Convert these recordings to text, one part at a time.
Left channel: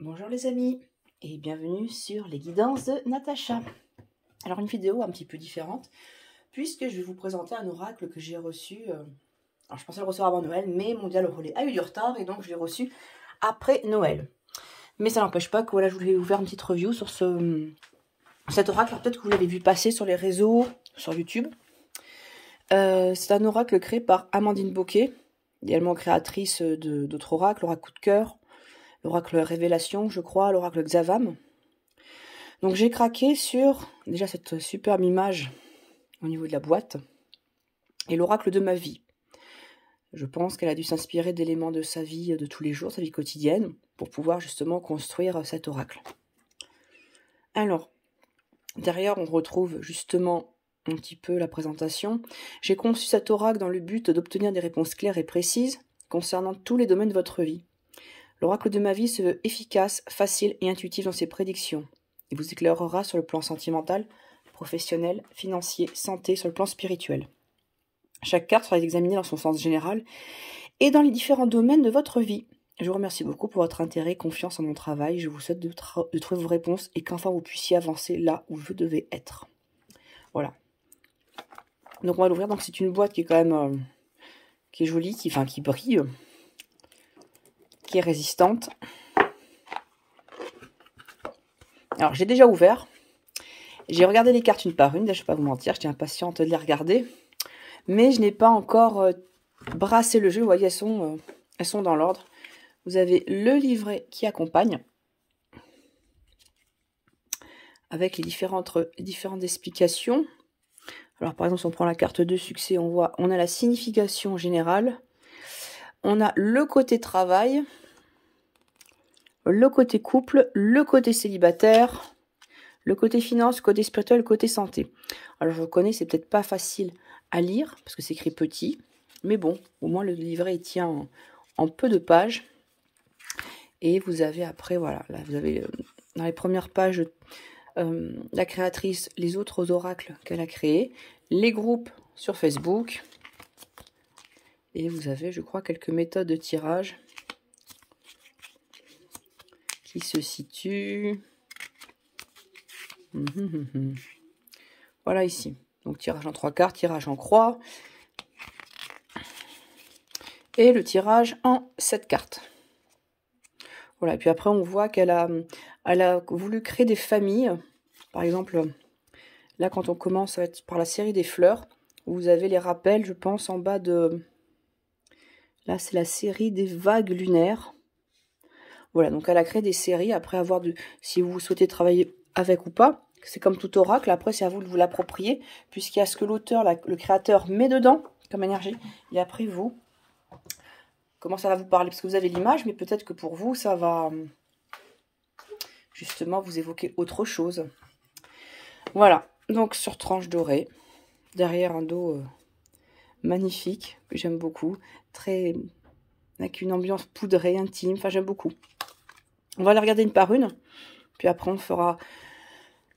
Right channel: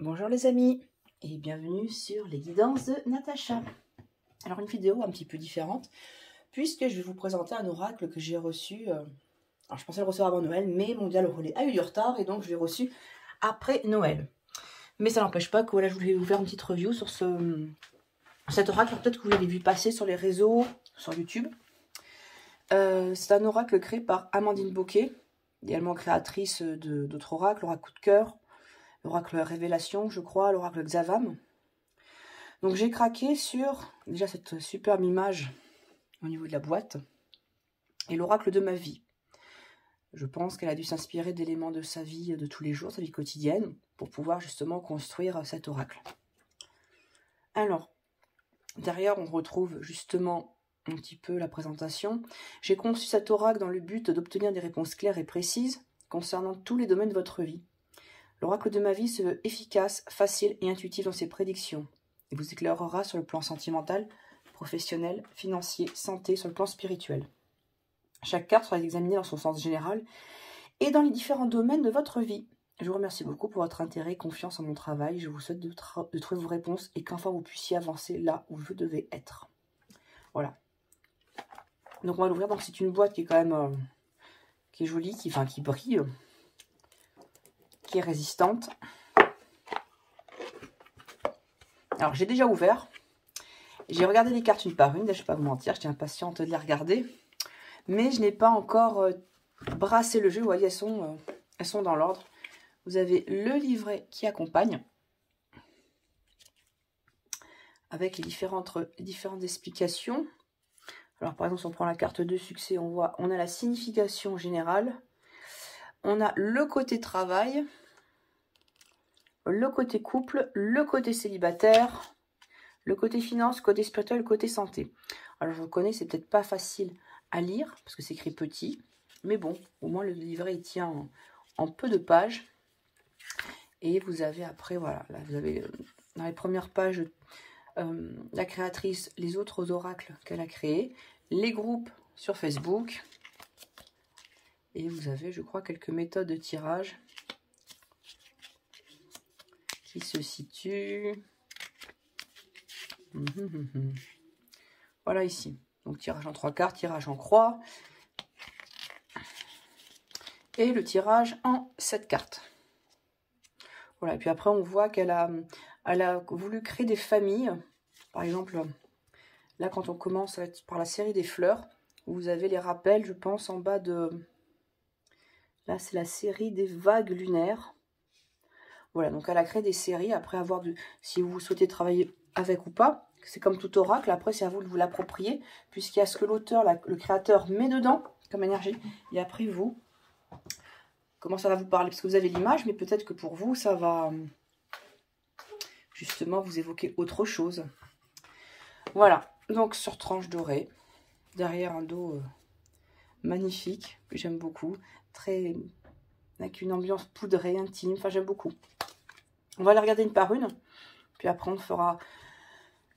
Bonjour les amis et bienvenue sur les guidances de Natacha. Alors une vidéo un petit peu différente puisque je vais vous présenter un oracle que j'ai reçu. Alors je pensais le recevoir avant Noël, mais Mondial au relais a eu du retard et donc je l'ai reçu après Noël. Mais ça n'empêche pas que voilà, je voulais vous faire une petite review sur cet oracle. Peut-être que vous l'avez vu passer sur les réseaux, sur YouTube. C'est un oracle créé par Amandine Bocquet, également créatrice d'autres oracles, l'oracle Coup de Cœur, l'oracle Révélation, je crois, l'oracle Xavam. Donc j'ai craqué sur déjà cette superbe image au niveau de la boîte et l'oracle de ma vie. Je pense qu'elle a dû s'inspirer d'éléments de sa vie de tous les jours, sa vie quotidienne, pour pouvoir justement construire cet oracle. Alors, derrière on retrouve justement un petit peu la présentation. J'ai conçu cet oracle dans le but d'obtenir des réponses claires et précises concernant tous les domaines de votre vie. L'oracle de ma vie se veut efficace, facile et intuitif dans ses prédictions. Il vous éclairera sur le plan sentimental, professionnel, financier, santé, sur le plan spirituel. Chaque carte sera examinée dans son sens général et dans les différents domaines de votre vie. Je vous remercie beaucoup pour votre intérêt et confiance en mon travail. Je vous souhaite de trouver vos réponses et qu'enfin vous puissiez avancer là où vous devez être. Voilà. Donc on va l'ouvrir. Donc c'est une boîte qui est quand même qui est jolie, qui brille, qui est résistante. Alors j'ai déjà ouvert. J'ai regardé les cartes une par une. Là, je ne vais pas vous mentir, j'étais impatiente de les regarder. Mais je n'ai pas encore brassé le jeu. Vous voyez, elles sont dans l'ordre. Vous avez le livret qui accompagne, avec les différentes explications. Alors par exemple, si on prend la carte de succès, on a la signification générale. On a le côté travail, le côté couple, le côté célibataire, le côté finance, le côté spirituel, le côté santé. Alors je reconnais, c'est peut-être pas facile à lire, parce que c'est écrit petit, mais bon, au moins le livret il tient en peu de pages. Et vous avez après, voilà, là vous avez dans les premières pages la créatrice, les autres oracles qu'elle a créés, les groupes sur Facebook, et vous avez, je crois, quelques méthodes de tirage qui se situent. Voilà ici. Donc tirage en 3 cartes, tirage en croix. Et le tirage en 7 cartes. Voilà, et puis après on voit qu'elle a voulu créer des familles. Par exemple, là quand on commence par la série des fleurs, vous avez les rappels, je pense, en bas de... Là c'est la série des vagues lunaires. Voilà, donc elle a créé des séries, après avoir si vous souhaitez travailler avec ou pas. C'est comme tout oracle, après c'est à vous de vous l'approprier, puisqu'il y a ce que l'auteur, le créateur met dedans comme énergie, et après vous, comment ça va vous parler, parce que vous avez l'image, mais peut-être que pour vous, ça va justement vous évoquer autre chose. Voilà, donc sur tranche dorée, derrière un dos magnifique, que j'aime beaucoup, avec une ambiance poudrée, intime, enfin j'aime beaucoup. On va les regarder une par une, puis après on fera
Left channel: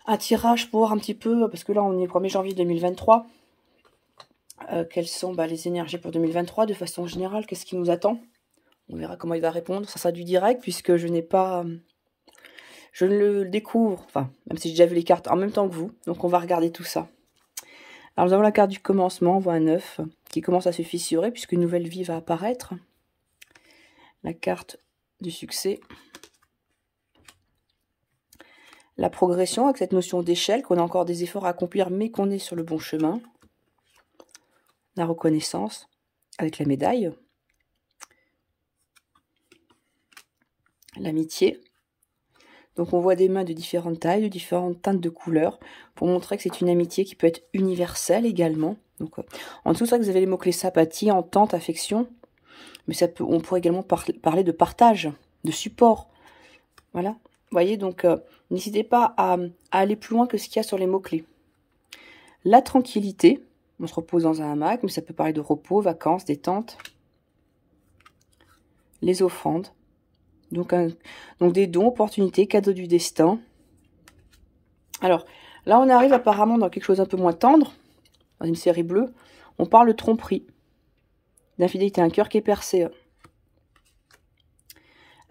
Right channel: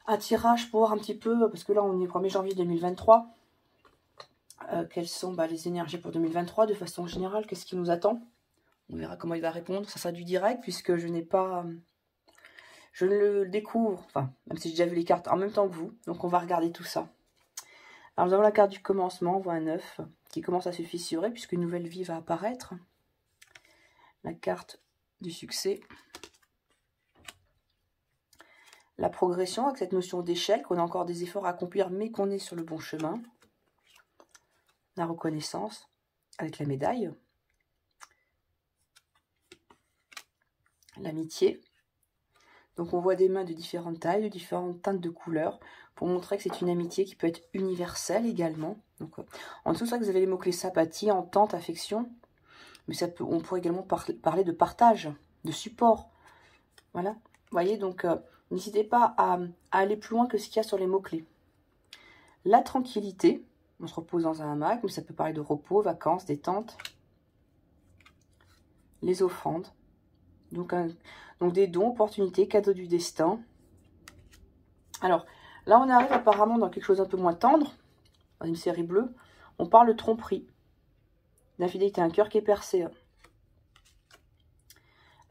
un tirage pour voir un petit peu, parce que là on est le 1er janvier 2023, quelles sont les énergies pour 2023 de façon générale, qu'est-ce qui nous attend. On verra comment il va répondre, ça sera du direct, puisque je n'ai pas... Je ne le découvre, enfin, même si j'ai déjà vu les cartes en même temps que vous, donc on va regarder tout ça. Alors nous avons la carte du commencement, on voit un œuf qui commence à se fissurer, puisqu'une nouvelle vie va apparaître. La carte du succès. La progression avec cette notion d'échelle, qu'on a encore des efforts à accomplir, mais qu'on est sur le bon chemin. La reconnaissance avec la médaille. L'amitié. Donc on voit des mains de différentes tailles, de différentes teintes de couleurs, pour montrer que c'est une amitié qui peut être universelle également. Donc, en dessous, ça, vous avez les mots-clés sympathie, entente, affection. Mais on pourrait également parler de partage, de support. Voilà. Vous voyez, donc n'hésitez pas à aller plus loin que ce qu'il y a sur les mots-clés. La tranquillité, on se repose dans un hamac, mais ça peut parler de repos, vacances, détente. Les offrandes. Donc des dons, opportunités, cadeaux du destin. Alors, là on arrive apparemment dans quelque chose un peu moins tendre, dans une série bleue. On parle de tromperie, d'infidélité, un cœur qui est percé.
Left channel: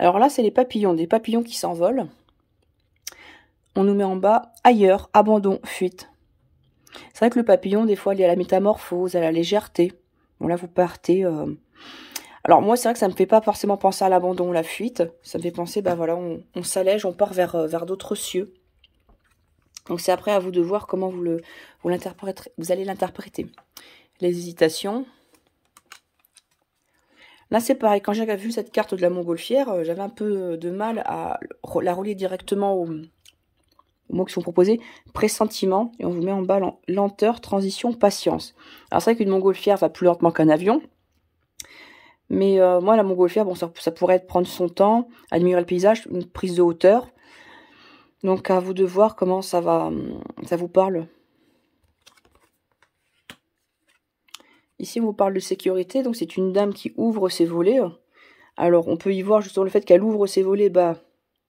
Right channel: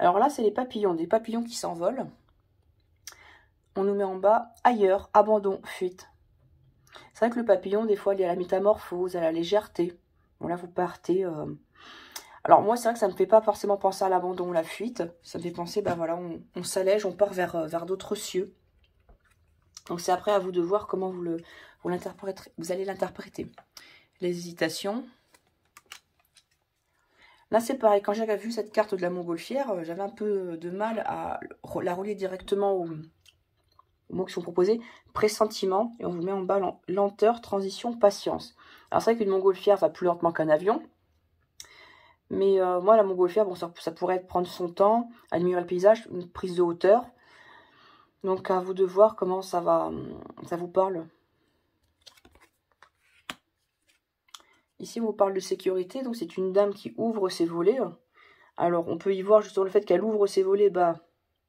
Alors là, c'est les papillons, des papillons qui s'envolent. On nous met en bas, ailleurs, abandon, fuite. C'est vrai que le papillon, des fois, il y a la métamorphose, à la légèreté. Bon, là, vous partez... Alors moi, c'est vrai que ça me fait pas forcément penser à l'abandon, la fuite. Ça me fait penser, bah voilà, on s'allège, on part vers d'autres cieux. Donc c'est après à vous de voir comment vous allez l'interpréter. Les hésitations. Là, c'est pareil. Quand j'ai vu cette carte de la montgolfière, j'avais un peu de mal à la relier directement aux mots qui sont proposés. Pressentiment. Et on vous met en bas lenteur, transition, patience. Alors c'est vrai qu'une montgolfière va plus lentement qu'un avion. Mais moi, la montgolfière, bon, ça pourrait être prendre son temps, admirer le paysage, une prise de hauteur. Donc, à vous de voir comment ça vous parle. Ici, on vous parle de sécurité. Donc, c'est une dame qui ouvre ses volets. Alors, on peut y voir justement le fait qu'elle ouvre ses volets. Bah,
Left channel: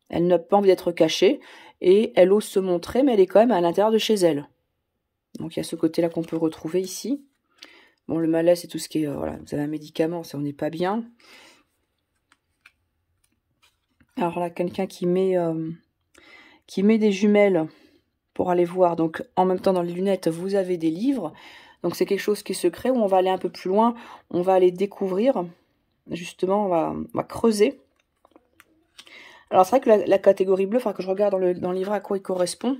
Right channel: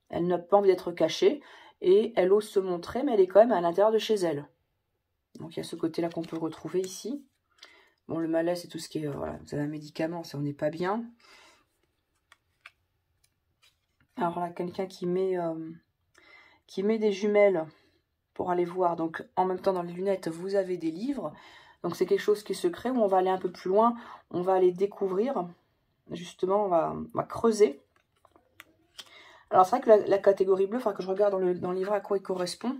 elle n'a pas envie d'être cachée. Et elle ose se montrer, mais elle est quand même à l'intérieur de chez elle. Donc, il y a ce côté-là qu'on peut retrouver ici. Bon, le malaise, c'est tout ce qui est... voilà, vous avez un médicament, ça, on n'est pas bien. Alors là, quelqu'un qui met des jumelles pour aller voir. Donc, en même temps, dans les lunettes, vous avez des livres. Donc, c'est quelque chose qui est secret, où on va aller un peu plus loin. On va aller découvrir. Justement, on va creuser. Alors, c'est vrai que la catégorie bleue, il faudra que je regarde dans le livre à quoi il correspond.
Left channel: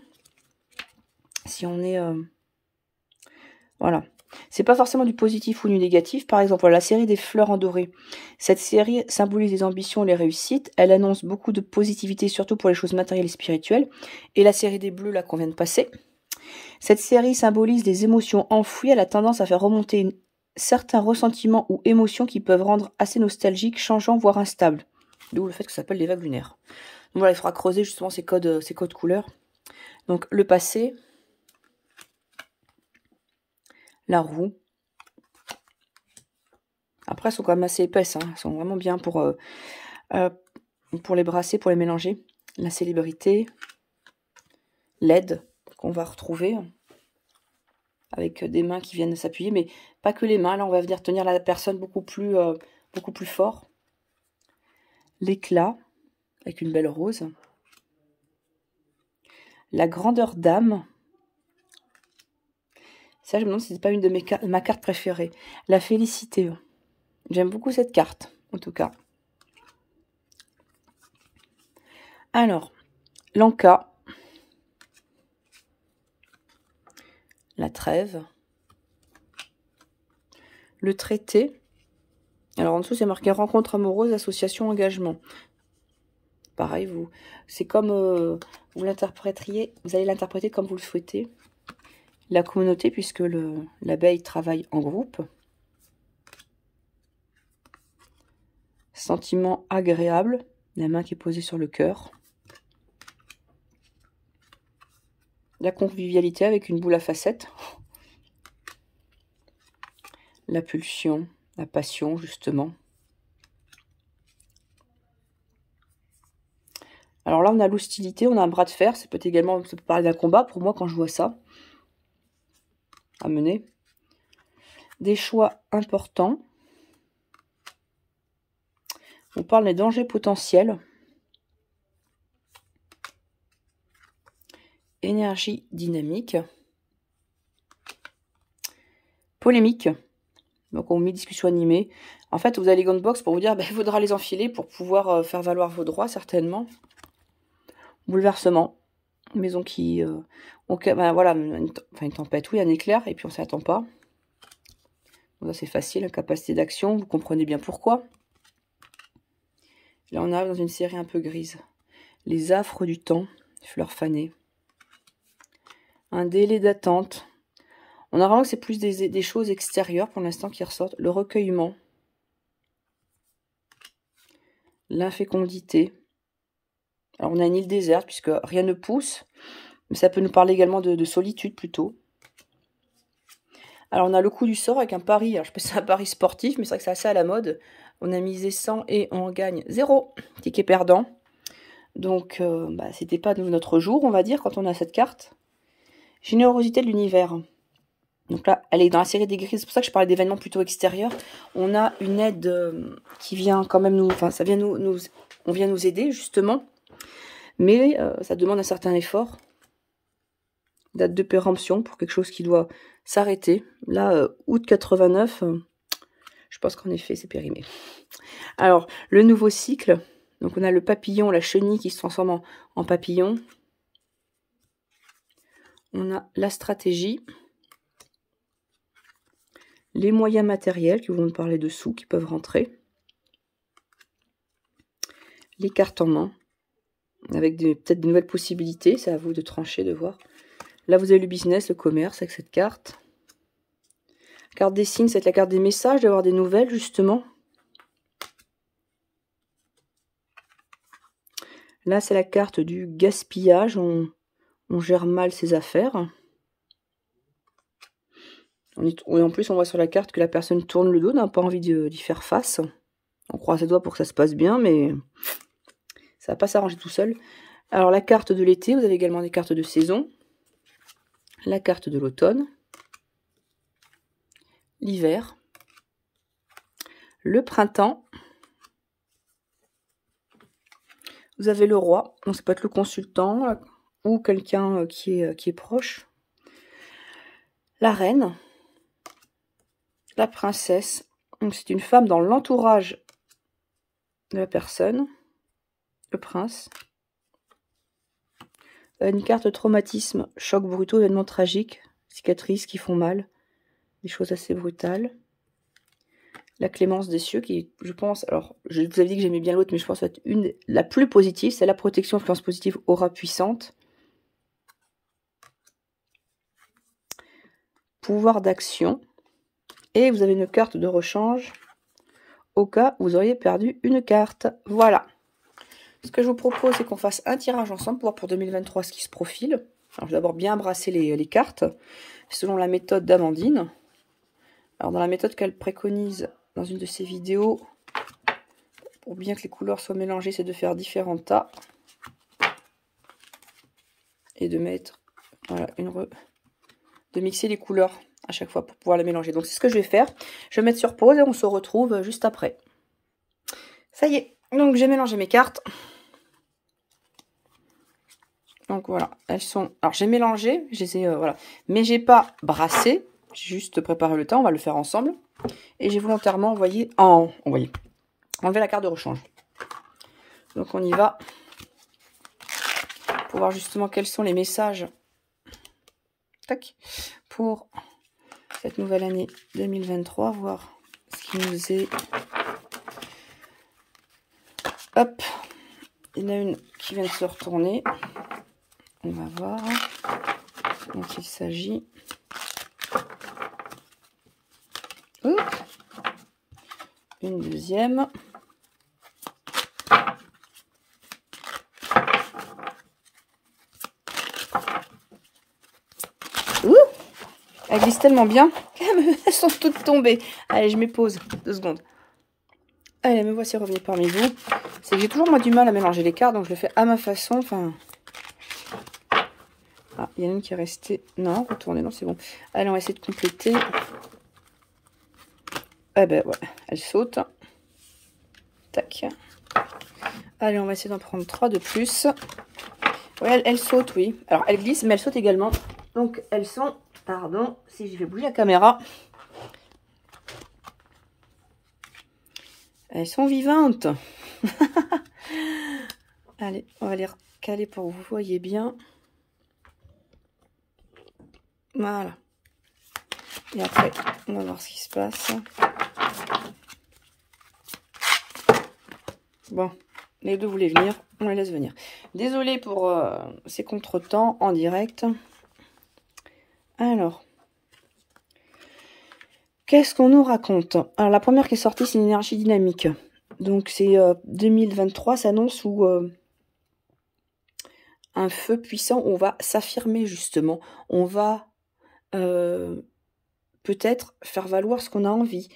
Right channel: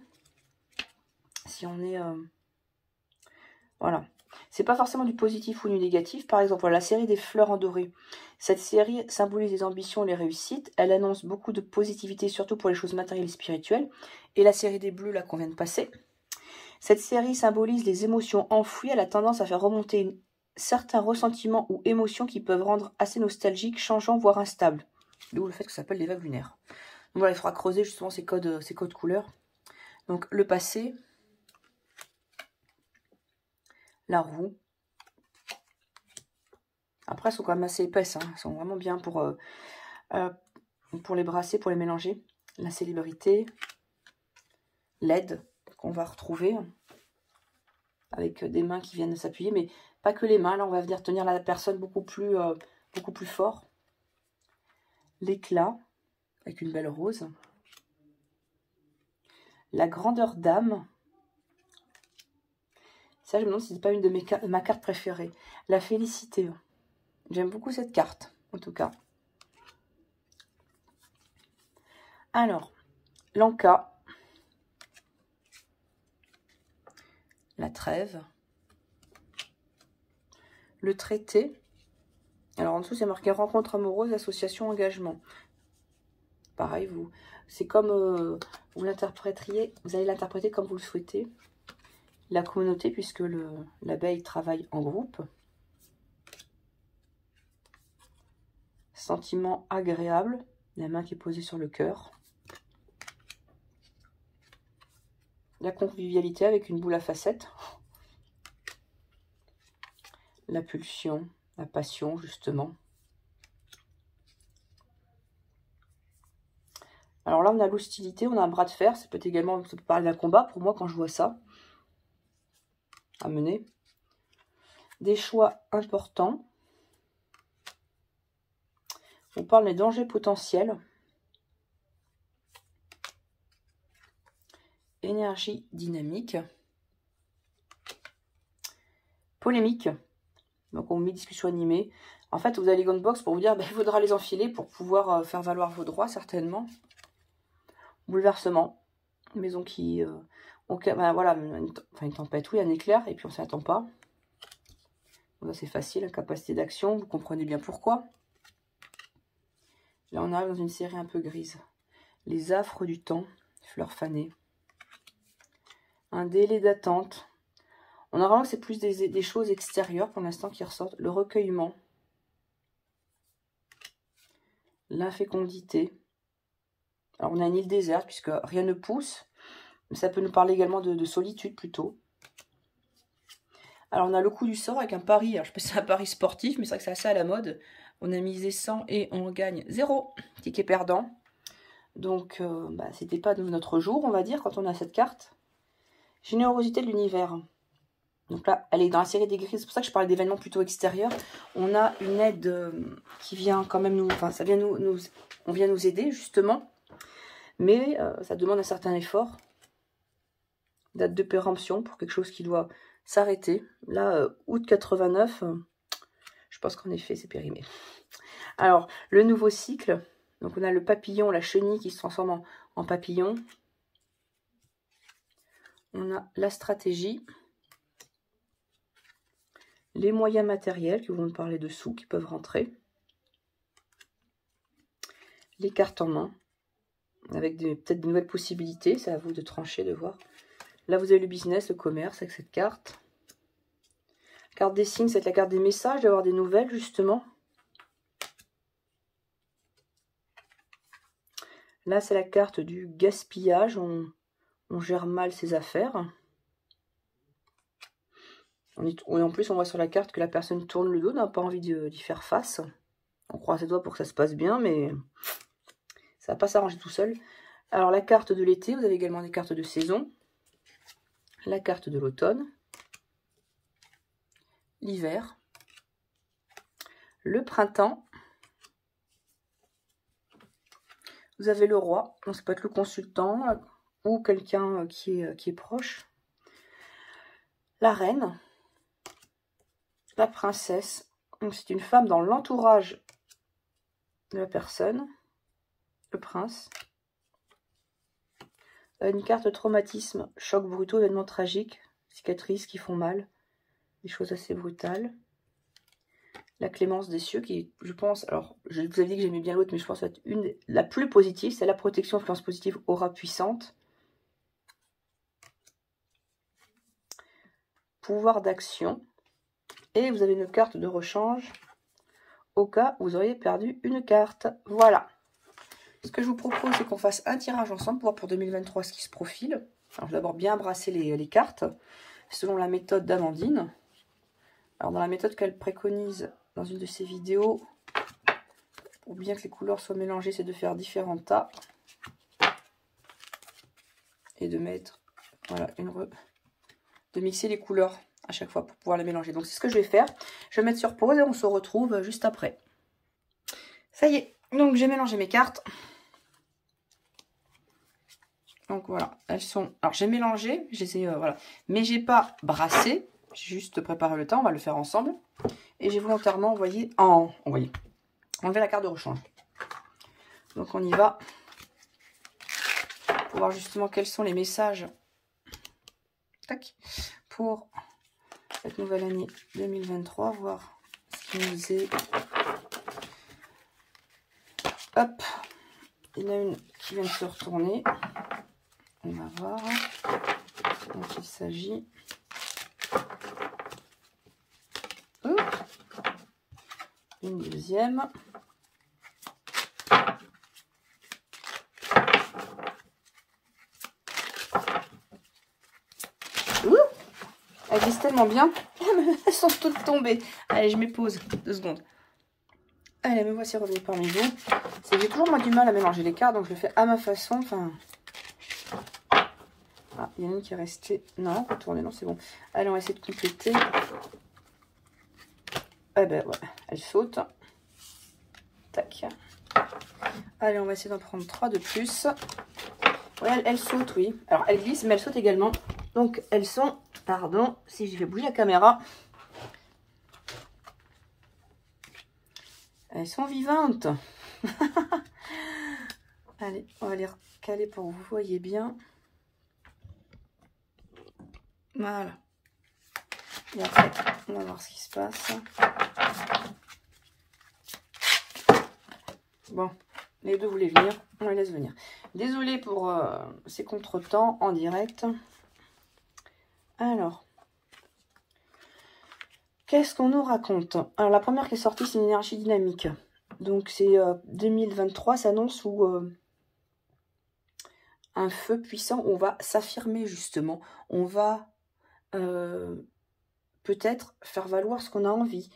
Si on est... voilà. C'est pas forcément du positif ou du négatif. Par exemple, voilà, la série des fleurs en doré. Cette série symbolise les ambitions et les réussites. Elle annonce beaucoup de positivité, surtout pour les choses matérielles et spirituelles. Et la série des bleus, là, qu'on vient de passer. Cette série symbolise des émotions enfouies. Elle a tendance à faire remonter certains ressentiments ou émotions qui peuvent rendre assez nostalgiques, changeants, voire instables. D'où le fait que ça s'appelle les vagues lunaires. Donc voilà, il faudra creuser justement ces codes couleurs. Donc le passé... la roue. Après, elles sont quand même assez épaisses. Hein. Elles sont vraiment bien pour les brasser, pour les mélanger. La célébrité. L'aide qu'on va retrouver. Avec des mains qui viennent s'appuyer. Mais pas que les mains. Là, on va venir tenir la personne beaucoup plus fort. L'éclat. Avec une belle rose. La grandeur d'âme. Ça, je me demande si c'est pas une de ma carte préférée. La félicité. J'aime beaucoup cette carte, en tout cas. Alors, l'Anka. La trêve. Le traité. Alors, en dessous, c'est marqué rencontre amoureuse, association, engagement. Pareil, c'est comme vous l'interpréteriez, vous allez l'interpréter comme vous le souhaitez. La communauté, puisque l'abeille travaille en groupe. Sentiment agréable, la main qui est posée sur le cœur. La convivialité avec une boule à facettes. La pulsion, la passion, justement. Alors là, on a l'hostilité, on a un bras de fer. Ça peut parler d'un combat, pour moi, quand je vois ça. À mener. Des choix importants. On parle des dangers potentiels. Énergie dynamique. Polémique. Donc on met discussion animée. En fait, vous avez les gants box pour vous dire, il faudra les enfiler pour pouvoir faire valoir vos droits, certainement. Bouleversement. Une maison qui... voilà, une tempête, oui, un éclair, et puis on ne s'attend pas. Donc c'est facile, capacité d'action, vous comprenez bien pourquoi. Là, on arrive dans une série un peu grise. Les affres du temps, fleurs fanées. Un délai d'attente. On a vraiment que c'est plus des choses extérieures pour l'instant qui ressortent. Le recueillement. L'infécondité. Alors, on a une île déserte puisque rien ne pousse. Mais ça peut nous parler également de solitude plutôt. Alors, on a le coup du sort avec un pari. Alors, je pense que c'est un pari sportif, mais c'est vrai que c'est assez à la mode. On a misé 100 et on gagne 0. Ticket perdant. Donc, c'était pas notre jour, on va dire, quand on a cette carte. Générosité de l'univers. Donc là, elle est dans la série des grilles. C'est pour ça que je parlais d'événements plutôt extérieurs. On a une aide qui vient quand même nous... Enfin, ça vient on vient nous aider, justement. Mais ça demande un certain effort. Date de péremption pour quelque chose qui doit s'arrêter. Là, août 89, je pense qu'en effet, c'est périmé. Alors, le nouveau cycle. Donc, on a le papillon, la chenille qui se transforme en papillon. On a la stratégie. Les moyens matériels qui vont nous parler dessous, qui peuvent rentrer. Les cartes en main, avec peut-être de nouvelles possibilités. C'est à vous de trancher, de voir. Là, vous avez le business, le commerce, avec cette carte. La carte des signes, c'est la carte des messages, d'avoir des nouvelles, justement. Là, c'est la carte du gaspillage. On gère mal ses affaires. Et en plus, on voit sur la carte que la personne tourne le dos, n'a pas envie d'y faire face. On croise ses doigts pour que ça se passe bien, mais ça va pas s'arranger tout seul. Alors, la carte de l'été, vous avez également des cartes de saison. La carte de l'automne. L'hiver. Le printemps. Vous avez le roi. Donc, ça peut être le consultant ou quelqu'un qui est proche. La reine. La princesse, c'est une femme dans l'entourage de la personne. Le prince. Une carte traumatisme, choc brutaux, événements tragiques, cicatrices qui font mal, des choses assez brutales. La clémence des cieux qui, je pense, alors je vous avais dit que j'aimais bien l'autre, mais je pense être la plus positive, c'est la protection, influence positive, aura puissante. Pouvoir d'action. Et vous avez une carte de rechange au cas où vous auriez perdu une carte. Voilà. Ce que je vous propose, c'est qu'on fasse un tirage ensemble pour voir pour 2023 ce qui se profile. Alors, je vais d'abord bien brasser les cartes, selon la méthode d'Amandine. Alors, dans la méthode qu'elle préconise dans une de ses vidéos, pour bien que les couleurs soient mélangées, c'est de faire différents tas. Et de mettre, voilà, de mixer les couleurs à chaque fois pour pouvoir les mélanger. Donc c'est ce que je vais faire. Je vais mettre sur pause et on se retrouve juste après. Ça y est, donc j'ai mélangé mes cartes. Donc voilà, elles sont... Alors j'ai mélangé, je les ai, voilà. Mais j'ai pas brassé, j'ai juste préparé le temps, on va le faire ensemble. Et j'ai volontairement enlevé la carte de rechange. Donc on y va. Pour voir justement quels sont les messages. Tac. Pour cette nouvelle année 2023, voir ce qui nous est... Hop, il y en a une qui vient de se retourner. On va voir dont il s'agit. Une deuxième. Elle glisse tellement bien. Elles sont toutes tombées. Allez, je mets pause. 2 secondes. Allez, me voici revenue parmi vous. J'ai toujours moi du mal à mélanger les cartes, donc je le fais à ma façon. Enfin... Ah, il y en a une qui est restée. Non, retournez, non, c'est bon. Allez, on va essayer de compléter. Ah ben ouais, elle saute. Tac. Allez, on va essayer d'en prendre 3 de plus. Ouais, elle saute, oui. Alors, elle glisse, mais elle saute également. Donc, elles sont... Pardon, si j'ai fait bouger la caméra. Elles sont vivantes. Allez, on va les recaler pour que vous voyez bien. Voilà. Et après, on va voir ce qui se passe. Bon, les deux voulaient venir, on les laisse venir. Désolée pour ces contretemps en direct. Alors, qu'est-ce qu'on nous raconte? Alors, la première qui est sortie, c'est une énergie dynamique. Donc, c'est 2023 s'annonce où un feu puissant, on va s'affirmer justement. On va peut-être faire valoir ce qu'on a envie.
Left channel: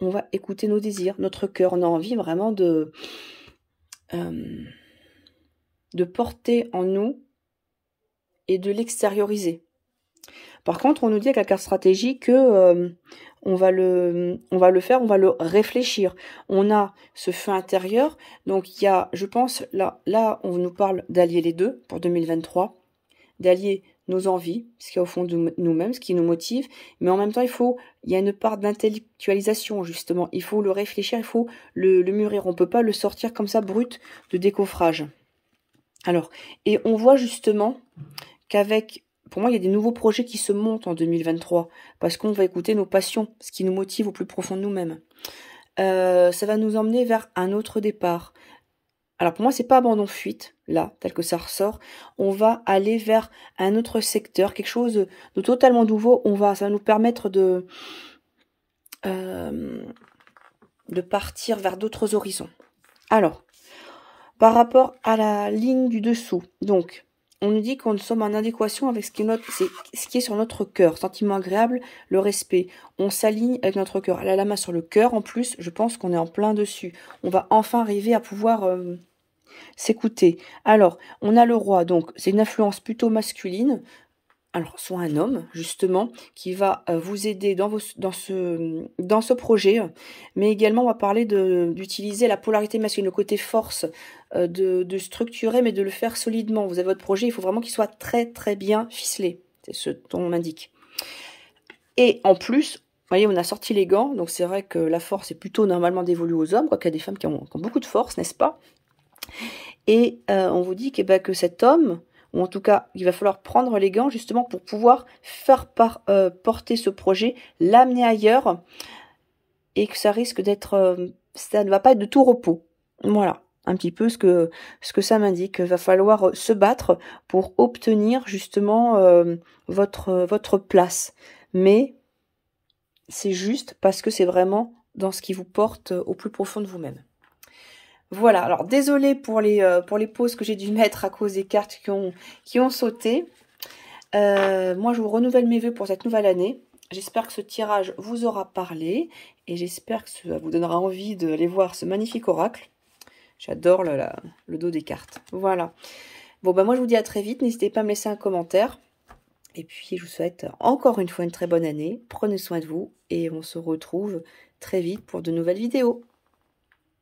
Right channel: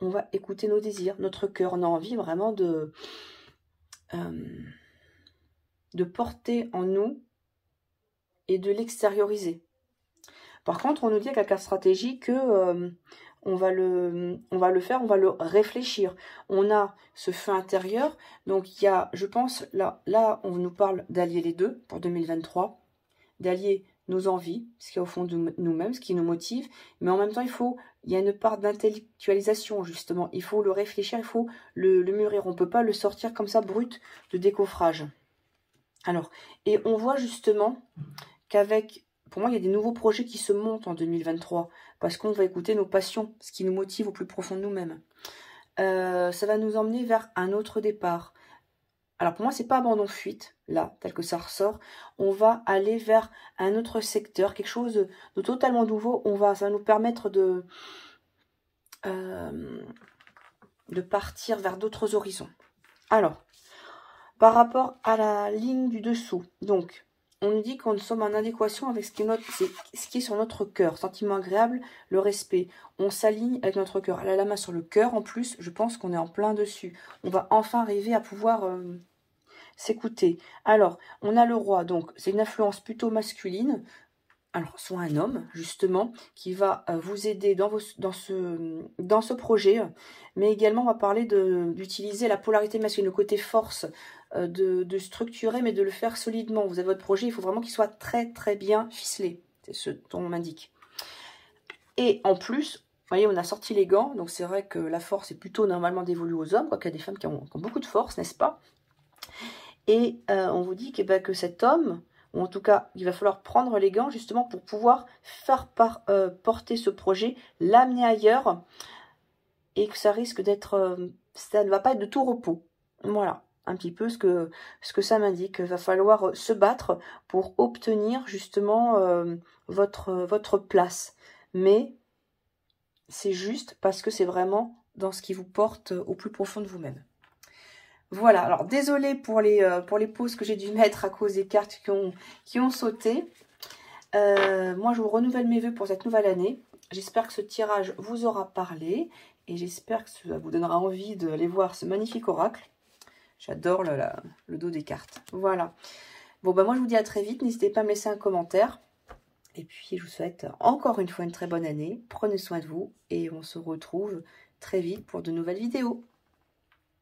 On va écouter nos désirs, notre cœur. On a envie vraiment de porter en nous et de l'extérioriser. Par contre, on nous dit avec la carte stratégie que on va le faire, on va le réfléchir. On a ce feu intérieur, donc il y a, je pense, là on nous parle d'allier les deux pour 2023, d'allier nos envies, ce qu'il y a au fond de nous-mêmes, ce qui nous motive, mais en même temps, il y a une part d'intellectualisation, justement. Il faut le réfléchir, il faut le mûrir. On ne peut pas le sortir comme ça, brut, de décoffrage. Alors, et on voit justement qu'avec, pour moi, il y a des nouveaux projets qui se montent en 2023, parce qu'on va écouter nos passions, ce qui nous motive au plus profond de nous-mêmes. Ça va nous emmener vers un autre départ. Alors pour moi, c'est pas abandon-fuite, là, tel que ça ressort. On va aller vers un autre secteur, quelque chose de totalement nouveau. Ça va nous permettre de partir vers d'autres horizons. Alors, par rapport à la ligne du dessous, donc, on nous dit qu'on sommes en adéquation avec ce qui est sur notre cœur. Sentiment agréable, le respect. On s'aligne avec notre cœur. Elle a la main sur le cœur, en plus, je pense qu'on est en plein dessus. On va enfin arriver à pouvoir s'écouter. Alors, on a le roi, donc c'est une influence plutôt masculine. Alors, soit un homme, justement, qui va vous aider dans ce projet, mais également, on va parler d'utiliser la polarité masculine, le côté force, de structurer, mais de le faire solidement. Vous avez votre projet, il faut vraiment qu'il soit très, très bien ficelé. C'est ce dont on indique. Et en plus, vous voyez, on a sorti les gants, donc c'est vrai que la force est plutôt normalement dévolue aux hommes, quoiqu'il y a des femmes qui ont beaucoup de force, n'est-ce pas? Et on vous dit que cet homme, ou en tout cas, il va falloir prendre les gants justement pour pouvoir faire porter ce projet, l'amener ailleurs, et que ça risque d'être, ça ne va pas être de tout repos. Voilà, un petit peu ce que ça m'indique. Il va falloir se battre pour obtenir justement votre place. Mais c'est juste parce que c'est vraiment dans ce qui vous porte au plus profond de vous-même. Voilà, alors désolée pour les pauses que j'ai dû mettre à cause des cartes qui ont sauté. Moi, je vous renouvelle mes vœux pour cette nouvelle année. J'espère que ce tirage vous aura parlé et j'espère que ça vous donnera envie d'aller voir ce magnifique oracle. J'adore le dos des cartes. Voilà. Bon, bah moi, je vous dis à très vite. N'hésitez pas à me laisser un commentaire. Et puis, je vous souhaite encore une fois une très bonne année. Prenez soin de vous et on se retrouve très vite pour de nouvelles vidéos.